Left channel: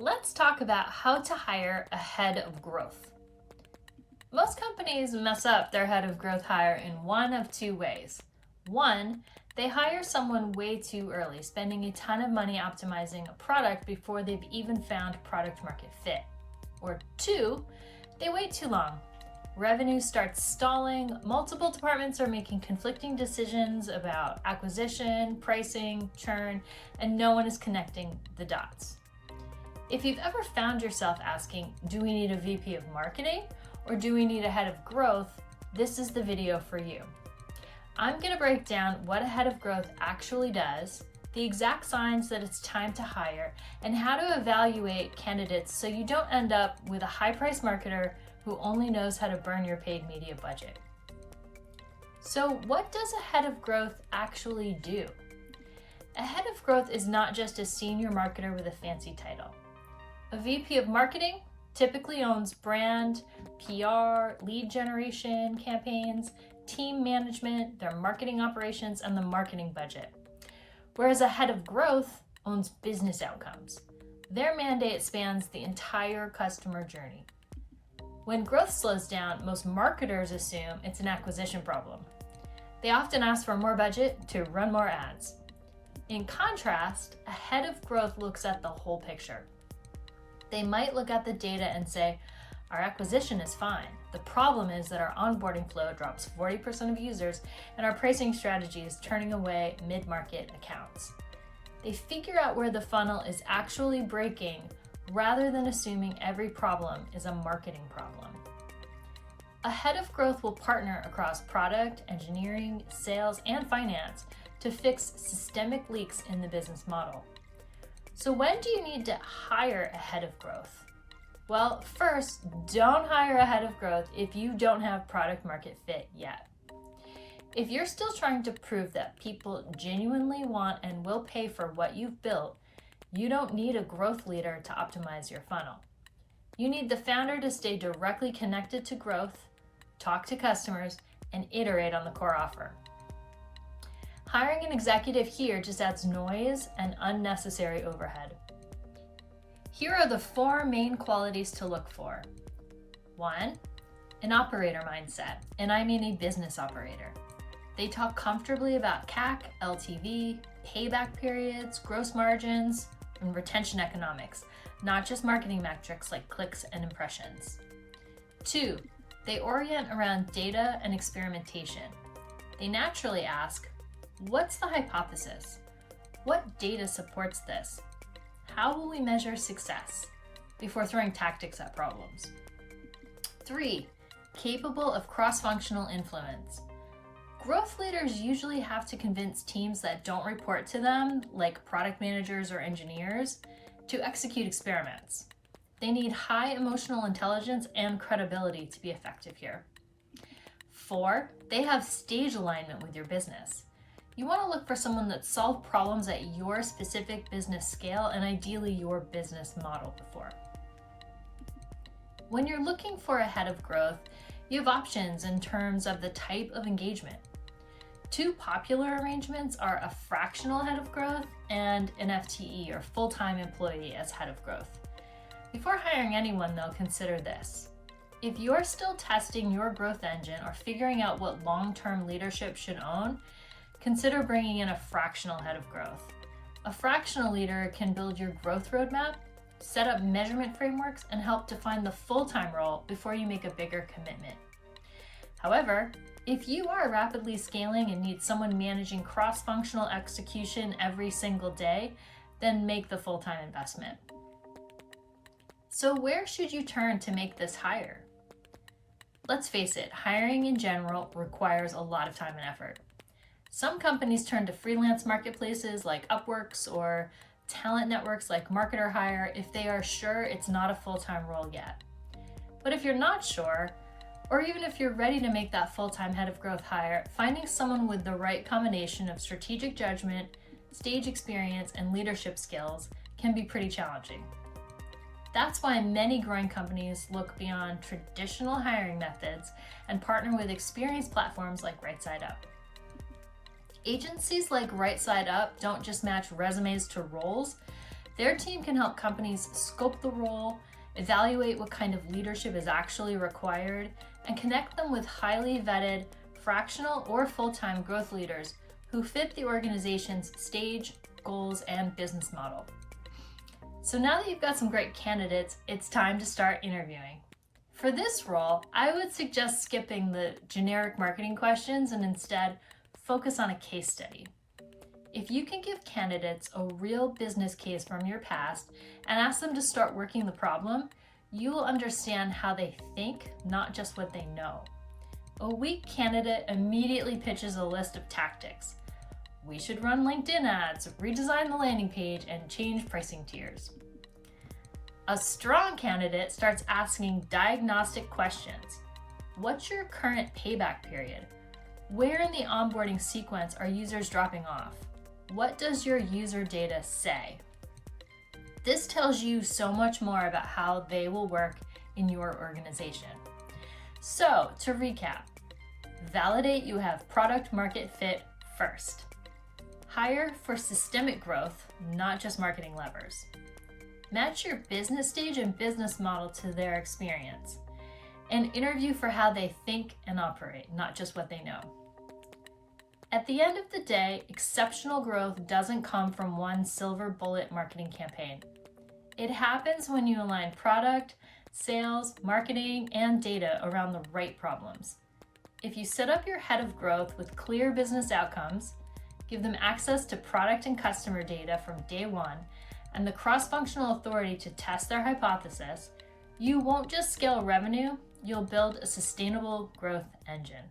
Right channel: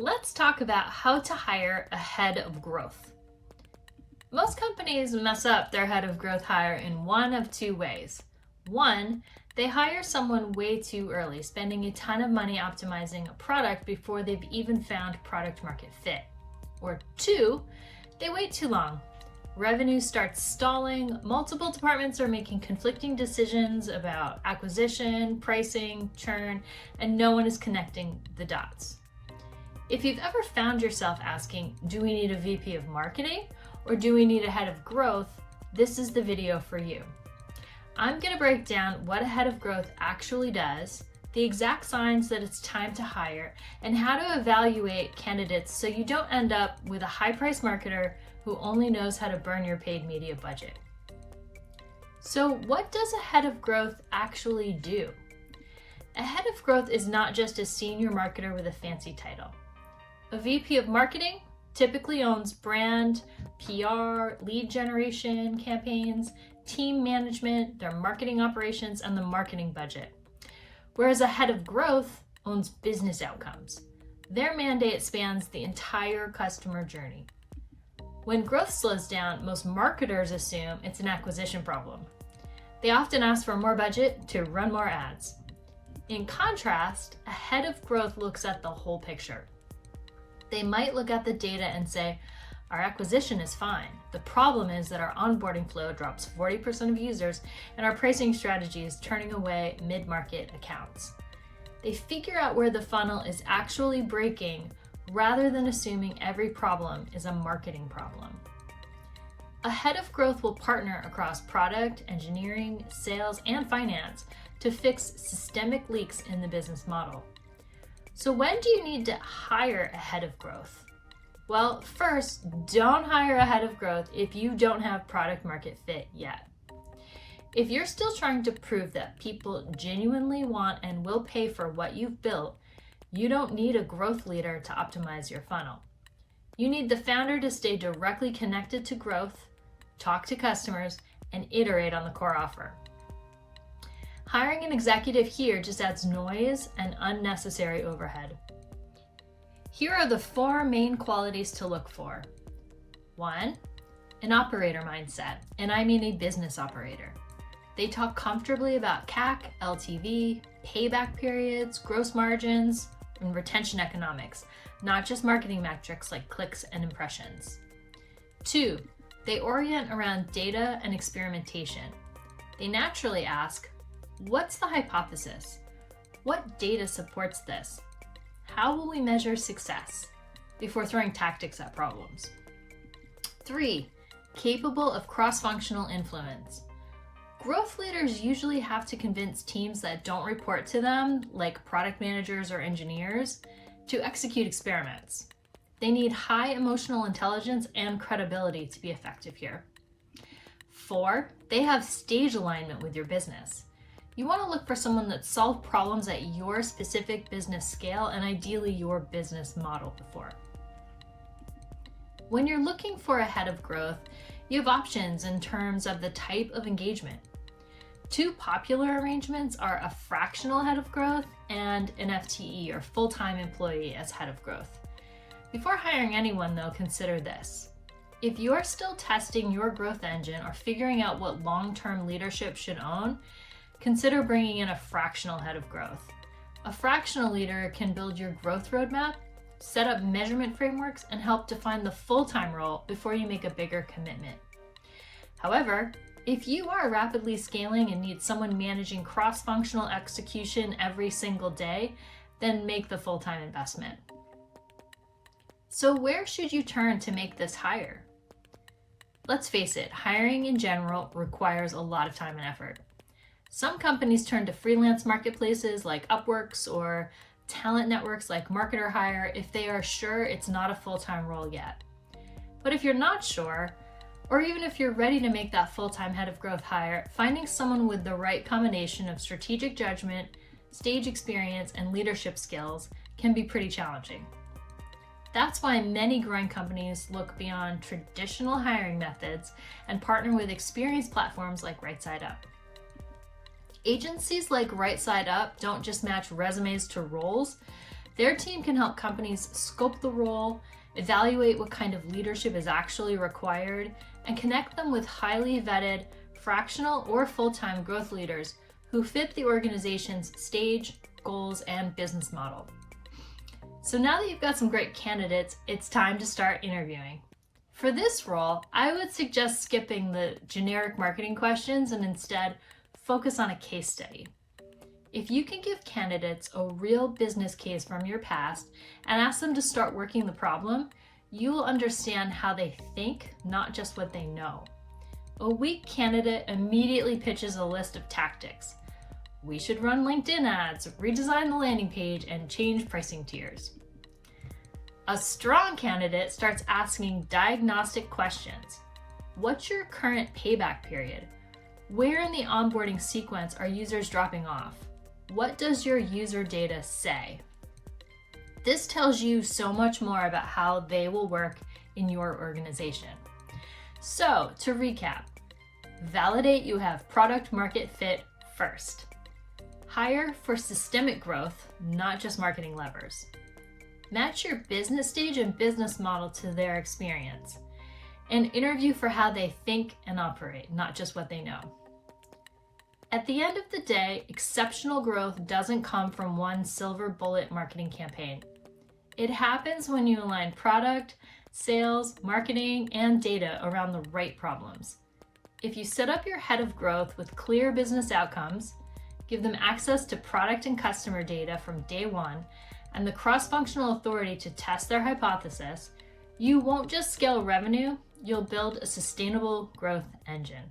Let's talk about how to hire a head of growth. Most companies mess up their head of growth hire in one of two ways. One, they hire someone way too early, spending a ton of money optimizing a product before they've even found product market fit. Or two, they wait too long. Revenue starts stalling, multiple departments are making conflicting decisions about acquisition, pricing, churn, and no one is connecting the dots. If you've ever found yourself asking, do we need a VP of marketing or do we need a head of growth, this is the video for you. I'm going to break down what a head of growth actually does, the exact signs that it's time to hire, and how to evaluate candidates so you don't end up with a high-priced marketer who only knows how to burn your paid media budget. So what does a head of growth actually do? A head of growth is not just a senior marketer with a fancy title. A VP of marketing typically owns brand, PR, lead generation campaigns, team management, their marketing operations, and the marketing budget. Whereas a head of growth owns business outcomes. Their mandate spans the entire customer journey. When growth slows down, most marketers assume it's an acquisition problem. They often ask for more budget to run more ads. In contrast, a head of growth looks at the whole picture. They might look at the data and say, our acquisition is fine. The problem is that our onboarding flow drops 40% of users and our pricing strategy is turning away mid-market accounts. They figure out where the funnel is actually breaking rather than assuming every problem is a marketing problem. A head of growth will partner across product, engineering, sales, and finance to fix systemic leaks in the business model. So when do you need to hire a head of growth? Well, first, don't hire a head of growth if you don't have product market fit yet. If you're still trying to prove that people genuinely want and will pay for what you've built, you don't need a growth leader to optimize your funnel. You need the founder to stay directly connected to growth, talk to customers, and iterate on the core offer. Hiring an executive here just adds noise and unnecessary overhead. Here are the 4 main qualities to look for. 1, an operator mindset, and I mean a business operator. They talk comfortably about CAC, LTV, payback periods, gross margins, and retention economics, not just marketing metrics like clicks and impressions. 2, they orient around data and experimentation. They naturally ask, what's the hypothesis? What data supports this? How will we measure success? Before throwing tactics at problems. 3, capable of cross-functional influence. Growth leaders usually have to convince teams that don't report to them, like product managers or engineers, to execute experiments. They need high emotional intelligence and credibility to be effective here. 4, they have stage alignment with your business. You want to look for someone that solved problems at your specific business scale and ideally your business model before. When you're looking for a head of growth, you have options in terms of the type of engagement. 2 popular arrangements are a fractional head of growth and an FTE or full-time employee as head of growth. Before hiring anyone though, consider this. If you're still testing your growth engine or figuring out what long-term leadership should own, consider bringing in a fractional head of growth. A fractional leader can build your growth roadmap, set up measurement frameworks, and help define the full-time role before you make a bigger commitment. However, if you are rapidly scaling and need someone managing cross-functional execution every single day, then make the full-time investment. So where should you turn to make this hire? Let's face it, hiring in general requires a lot of time and effort. Some companies turn to freelance marketplaces like Upworks or talent networks like Marketer Hire if they are sure it's not a full-time role yet. But if you're not sure, or even if you're ready to make that full-time head of growth hire, finding someone with the right combination of strategic judgment, stage experience, and leadership skills can be pretty challenging. That's why many growing companies look beyond traditional hiring methods and partner with experienced platforms like Right Side Up. Agencies like Right Side Up don't just match resumes to roles, Their team can help companies scope the role, evaluate what kind of leadership is actually required, and connect them with highly vetted, fractional or full-time growth leaders who fit the organization's stage, goals, and business model. So now that you've got some great candidates, it's time to start interviewing. For this role, I would suggest skipping the generic marketing questions and instead focus on a case study. If you can give candidates a real business case from your past and ask them to start working the problem, you will understand how they think, not just what they know. A weak candidate immediately pitches a list of tactics. We should run LinkedIn ads, redesign the landing page, and change pricing tiers. A strong candidate starts asking diagnostic questions. What's your current payback period? Where in the onboarding sequence are users dropping off? What does your user data say? This tells you so much more about how they will work in your organization. So, to recap, validate you have product market fit first. Hire for systemic growth, not just marketing levers. Match your business stage and business model to their experience. And interview for how they think and operate, not just what they know. At the end of the day, exceptional growth doesn't come from one silver bullet marketing campaign. It happens when you align product, sales, marketing, and data around the right problems. If you set up your head of growth with clear business outcomes, give them access to product and customer data from day one, and the cross-functional authority to test their hypothesis, you won't just scale revenue, you'll build a sustainable growth engine.